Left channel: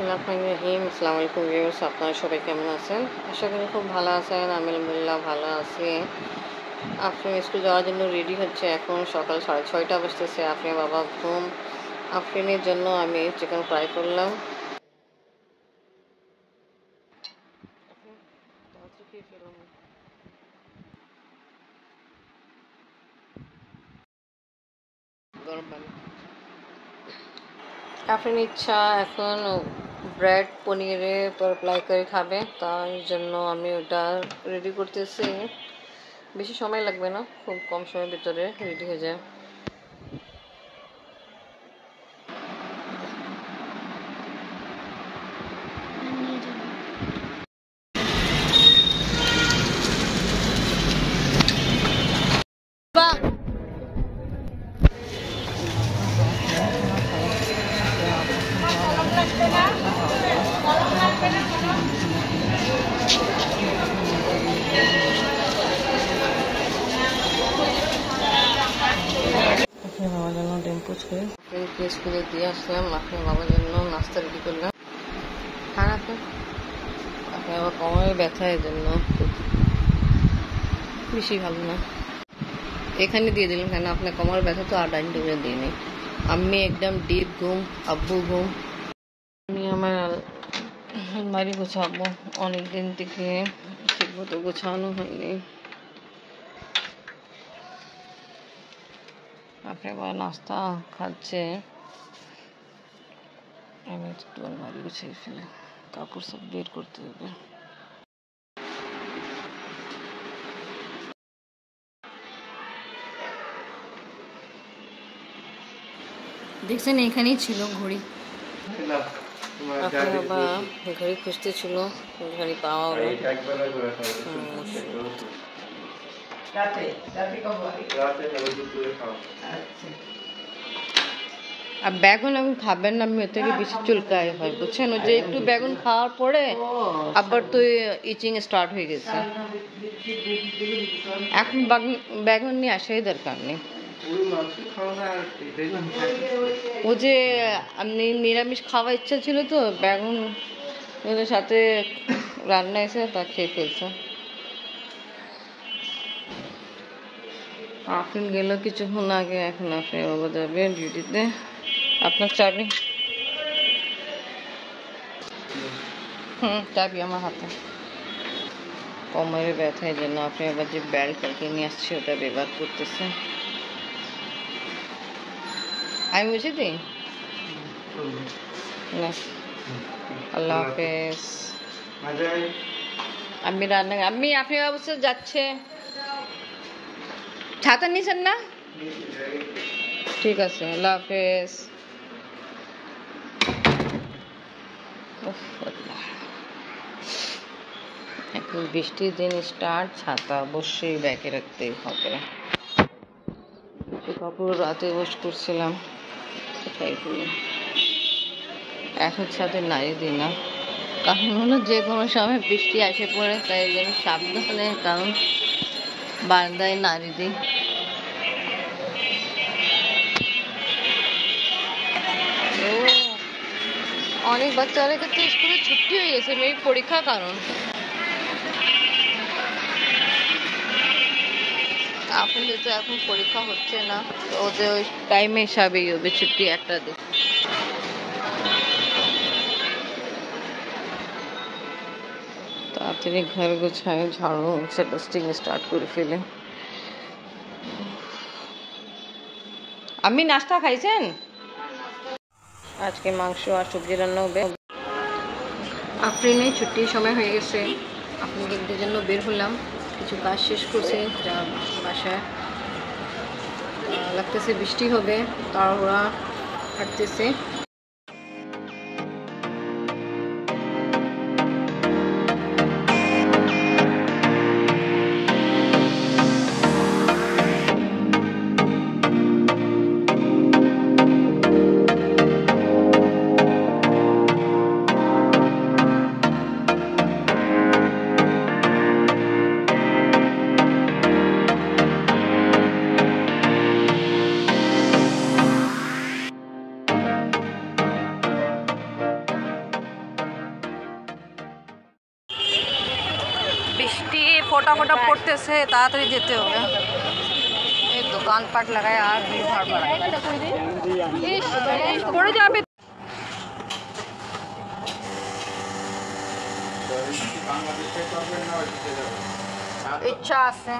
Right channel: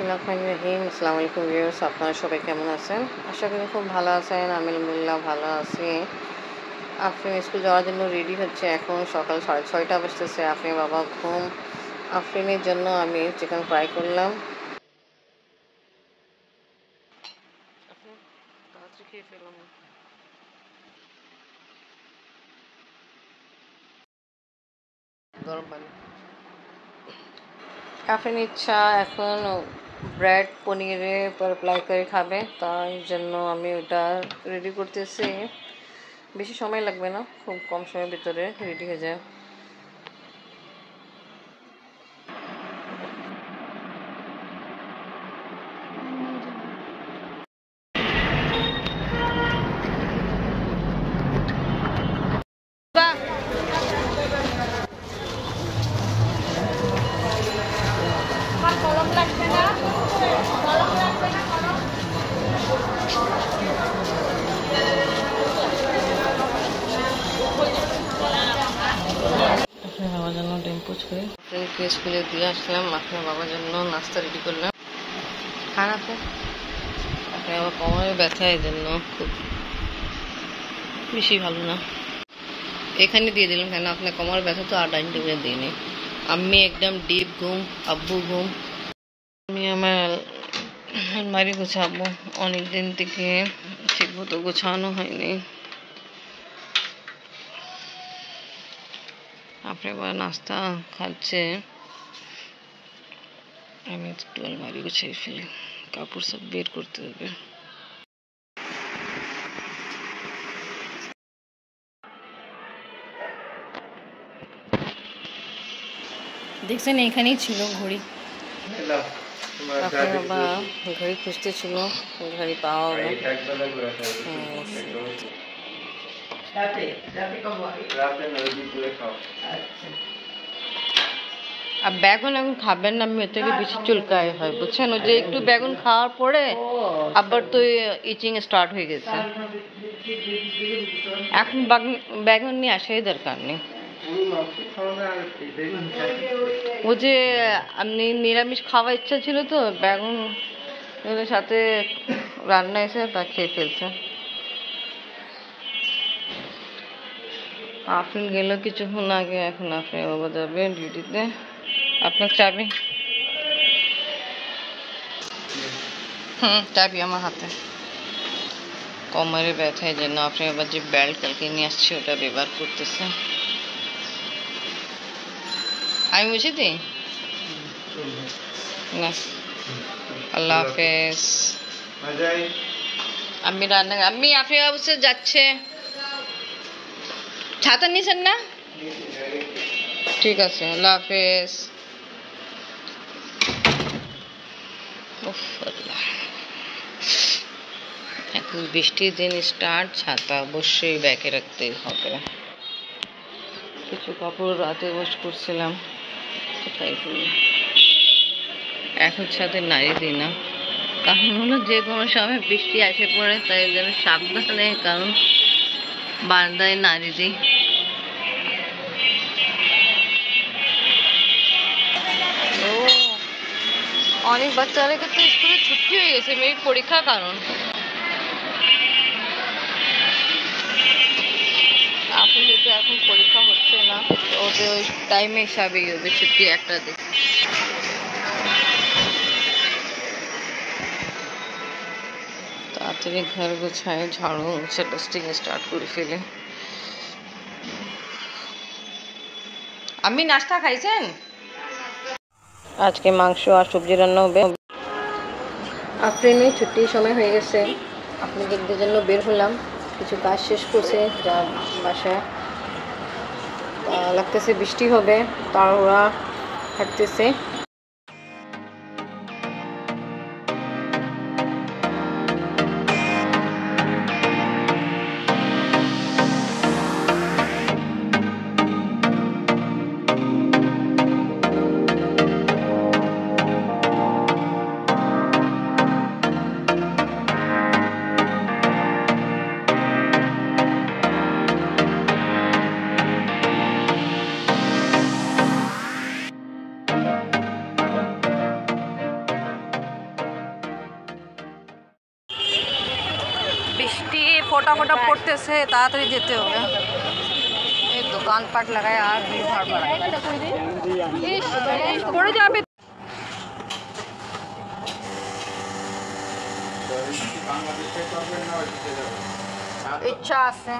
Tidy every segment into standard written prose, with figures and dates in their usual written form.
বিসমিল্লাহির আসসালামু আলাইকুম ভিউয়ার্স, আপনারা সবাই কেমন আছেন? আশা করি খুব ভালো আছেন। আমি আলহামদুলিল্লাহ ভালো আছি। আফরিন স্কুল যাওয়ার জন্য রেডি হচ্ছে। এখন সকাল 6:30 বাজতেছে। আফরিনের বাবা ঘুম। আফরিনের জন্য আমি চিকেন ফ্রাই করলাম। গরম পানি। আফরিন ইচ্ছা এখন ব্রেড পনিরে অ্যাপ্লাই করে খাবে, তাই জন্য আমি ওটা রেডি করতেছি। বেশি সময় লাগবে না, খুব কম সময়ের ভিতরে রেডি হয়ে যায়। আপনার বাবার জন্য ডিম পোচ করে ফ্রেন্ডকে স্কুলে দিয়ে আসলাম। আপনার বাবার জন্য নাস্তা রেডি করলাম। খান আপনি। আপনার আবার কোমরের ব্যথা, এই জন্য খুব বেশি ভালো না। এখানে দিয়ে দিলাম কেন, আপনার কোমরের ব্যথা তো আর ডাইনিং টেবিলে দিইনি। আমি একদম ডিপ ঘুম, আব্বু ঘুম। আমি আমার আলমারি গোছাবো, অনেকদিন থেকে ঠিক মতো গোছানো হয়নি। আপনি আবার নাস্তা খাচ্ছে, আমি একটু আলমারি গুছিয়ে ফেলি, কাপড় সব বের করতে হবে। দেখছেন এখানেই ছিল ঘড়ি। আপনার বাবা ঘড়ি খুঁজতে ছিল, ঘড়ি পাওয়া হলো। আর বেগুন এখন খাবেন না, মেয়ে থেকে বেশি চুলকায় হয়, বুঝছেন? ওই যে একটু বেগুন খাওয়ার পরে আবার তো ইচিং স্টার্ট হয়ে গেছে। এখন বেগুন নিয়ে আসাই দরকার নেই। ও যে আপনি নিরামিষ খাওয়ার ইচ্ছা ছিল তো, বেগুন সাথে রান্না এসে তা খেয়ে ফেলছে। আফরিন গেল কিছুক্ষণ আগে, এখন আপনি বাবা যাবে ডিউটিতে। আপনার চাবি? চাবি আমার হাতে। কোমরে ব্যথায় জন্য আপনি আবার যে বেল্ট কালকে নিয়ে আসছে ওটা ব্যবহার করতেছে। আমি বুঝে দিই না। আল্লাহ হাফেজ। আমি রান্না, আমি আপনি অবশ্যই যাচ্ছে। ছাতা নিছেন না? ঠিক আছে, আল্লাহ হাফেজ। এখন বৃষ্টির দিন স্টার্ট, ছাতা অবশ্যই ব্যাগে রাখতে হবে। কিছু কাপড় রাতে ওয়াশ করছিলাম, তাই করি। এখন সাথে নাড়ি দিই না, কারণ হলো যে কোনো সময় বৃষ্টি আসে পড়ে, তাই যেন সাবধানে, কারণ বারান্দায় নাড়ি দিই। ও অনেক বাচ্চাদের ক্ষেত্রে স্কুলে ছুটি হয়ে গেছে, মেয়ে পরীক্ষার কারণ। এখন যেহেতু এখন পরীক্ষা হচ্ছে না, ওদের ওই টাইমে হিসাবেই হবে ছুটি একটা দিন। তাড়াতাড়ি ঘর গোছায়, ঝাড়ু মুছে ডাস্টিং স্টার্ট করে ফেলে। আমি নাস্তা খাইছেন? আজকে মাংস আর সবজি রান্না হবে। আফরিনের ছুটির সময় হয়ে গেছে, আপনাদের জন্য বের হলাম। কিছু কাজ শেষ করছে যা বাসায়, লাগতেছে বৃষ্টি হবে, তারা হাঁটতেছে। फटाफट पड़तेছে তাড়াতাড়ি যেতে হবে এই দোকানপাট লাগায় আর ভিড় ভাড় বাড়ায় পড়ে যাবে ইচ্ছা আছে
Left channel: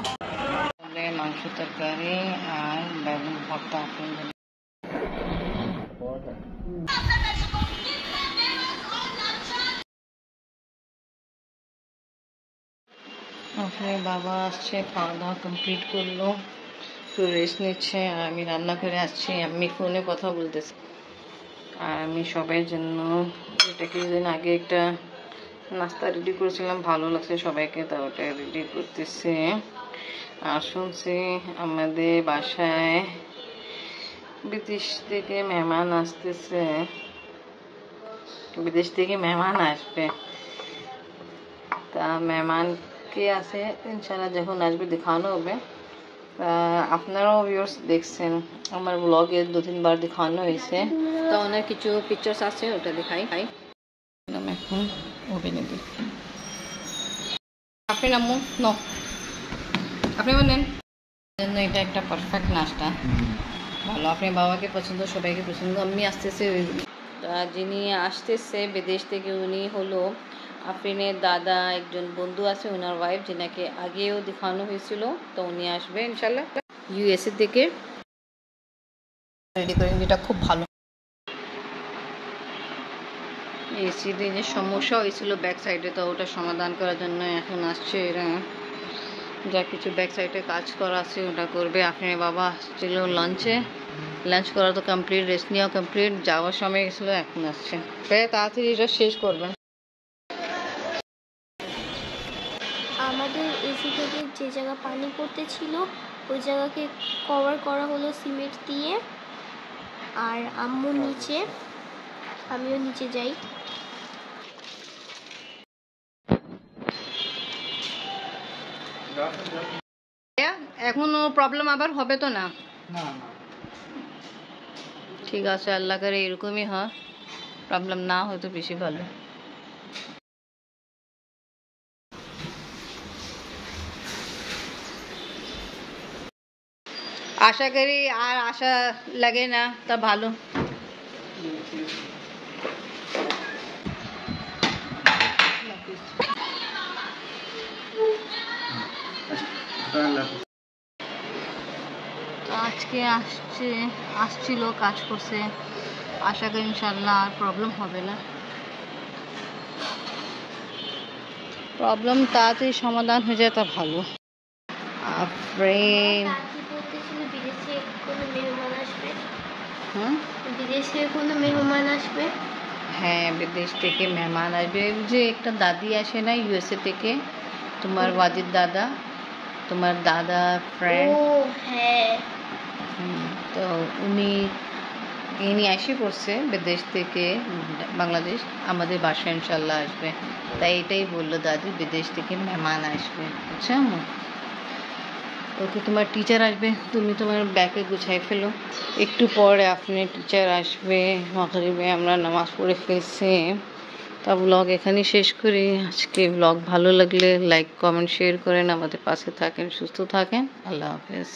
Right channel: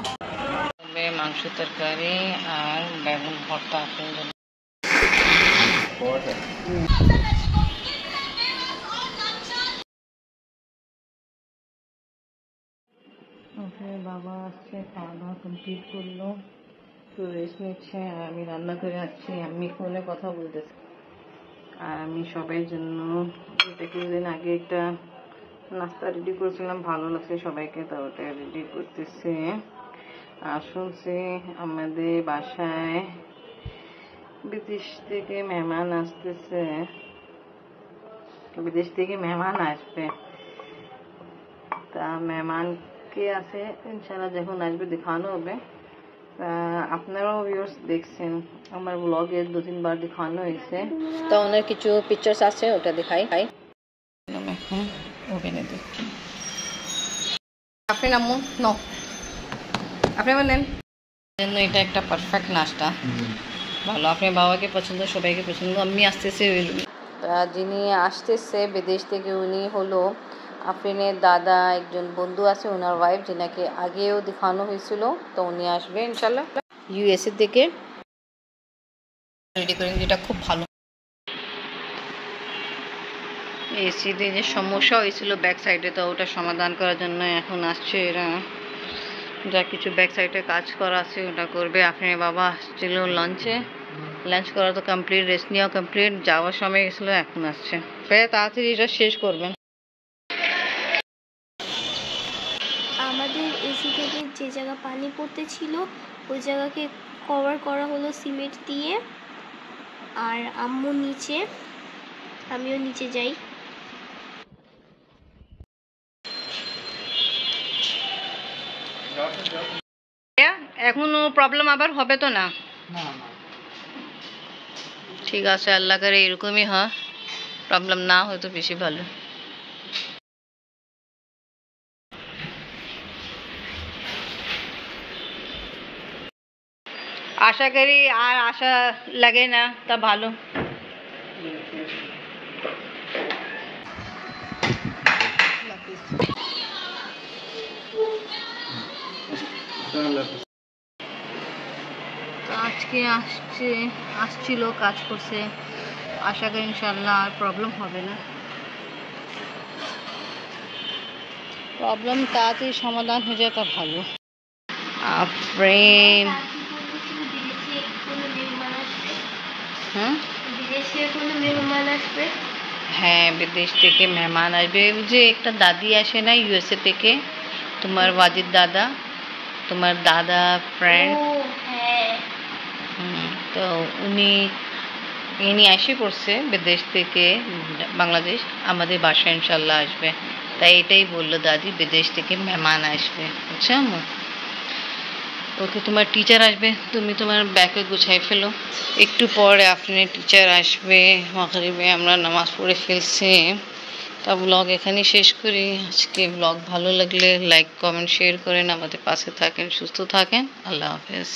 মাংস তরকারি আর বেগুন ভর্তা আপনাদের বাবা আসছে খাওয়া দাওয়া কমপ্লিট করলো একটু রেস্ট নিচ্ছে আর আমি রান্না করে আসছি আমি ফোনে কথা বলতেছি আর আমি সবার জন্য এটা কিছুদিন আগে একটা নাস্তা রেডি করেছিলাম ভালো লাগছে সবাইকে তো ওটা রেডি করতেছে আর শুনছি আমাদের বাসায় বিদেশ থেকে মেহমান আসতেছে বিদেশ থেকে মেহমান আসবে তা মেহমান কে আছে ইনশাআল্লাহ যখন আসবে দেখানো হবে আপনারাও ভিউয়ার্স দেখছেন আমার ব্লগে 2-3 বার দেখানো হয়েছে তো অনেক কিছু পিকচার্স আছে ওটা দেখাই এখন ওভেনে দিই আপনি নামুন নো আপনি বলেন জন্য এটা একটা পারফেক্ট নাস্তা ভালো আপনার বাবাকে পছন্দ সবাইকে পছন্দ আমি আসতেছে যিনি আসতেছে বিদেশ থেকে উনি হলো আফরিনের দাদা একজন বন্ধু আছে ওনার ওয়াইফ যিনাকে আগেও দেখানো হয়েছিল তো উনি আসবে ইনশাল্লাহ ইউএসএ থেকে রেডি করেন যেটা খুব ভালো এসিতে যে সমস্যা হয়েছিল ব্যাক সাইডে তো ওটা সমাধান করার জন্য এখন আসছে এরা যা কিছু ব্যাক সাইডে কাজ করা আছে ওটা করবে আপনার বাবা আসছিল লাঞ্চ করা তো কমপ্লিট রেস্ট নেওয়া কমপ্লিট যাওয়ার সময় গেছিলো এখন আসছে তাড়াতাড়ি এটা শেষ করবেন আমাদের এসি থেকে যে জায়গা পানি পড়তে ছিল ওই জায়গাকে কভার করা হলো সিমেন্ট দিয়ে আর আম্মু নিচে আমিও নিচে যাই এখনো প্রবলেম আবার হবে তো না ঠিক আছে আল্লাহ করে এরকমই হয় প্রবলেম না হয় তো বেশি ভালো আশা করি আর আশা লাগে না তা ভালো আজকে আসছিল কাজ করছে আশা করি ইনশাল্লাহ আর প্রবলেম হবে না প্রবলেম তাড়াতাড়ি সমাধান হয়ে যায় তা ভালো আফরিন হ্যাঁ বিদেশ থেকে মেহমান আসবে যে একটা দাদি আসে না ইউএসএ থেকে তোমার ওয়াজিদ দাদা তোমার দাদা ফ্রেন্ড তো ইনি এসে পড়ছে বিদেশ থেকে বাংলাদেশ আমাদের বাসায় ইনশাল্লাহ আসবে তাই এটাই বললো দাদি বিদেশ থেকে মেহমান আসবে বুঝছো ওকে তোমার টিচার আসবে তুমি তোমার ব্যাগে গুছাই ফেলো একটু পরে আপনি টিচার আসবে মাগরিবে আমরা নামাজ পড়ে ফেলছি তা ব্লগ এখানেই শেষ করি আজকে ব্লগ ভালো লাগলে লাইক কমেন্ট শেয়ার করেন আমাদের পাশে থাকেন সুস্থ থাকেন আল্লাহ হাফেজ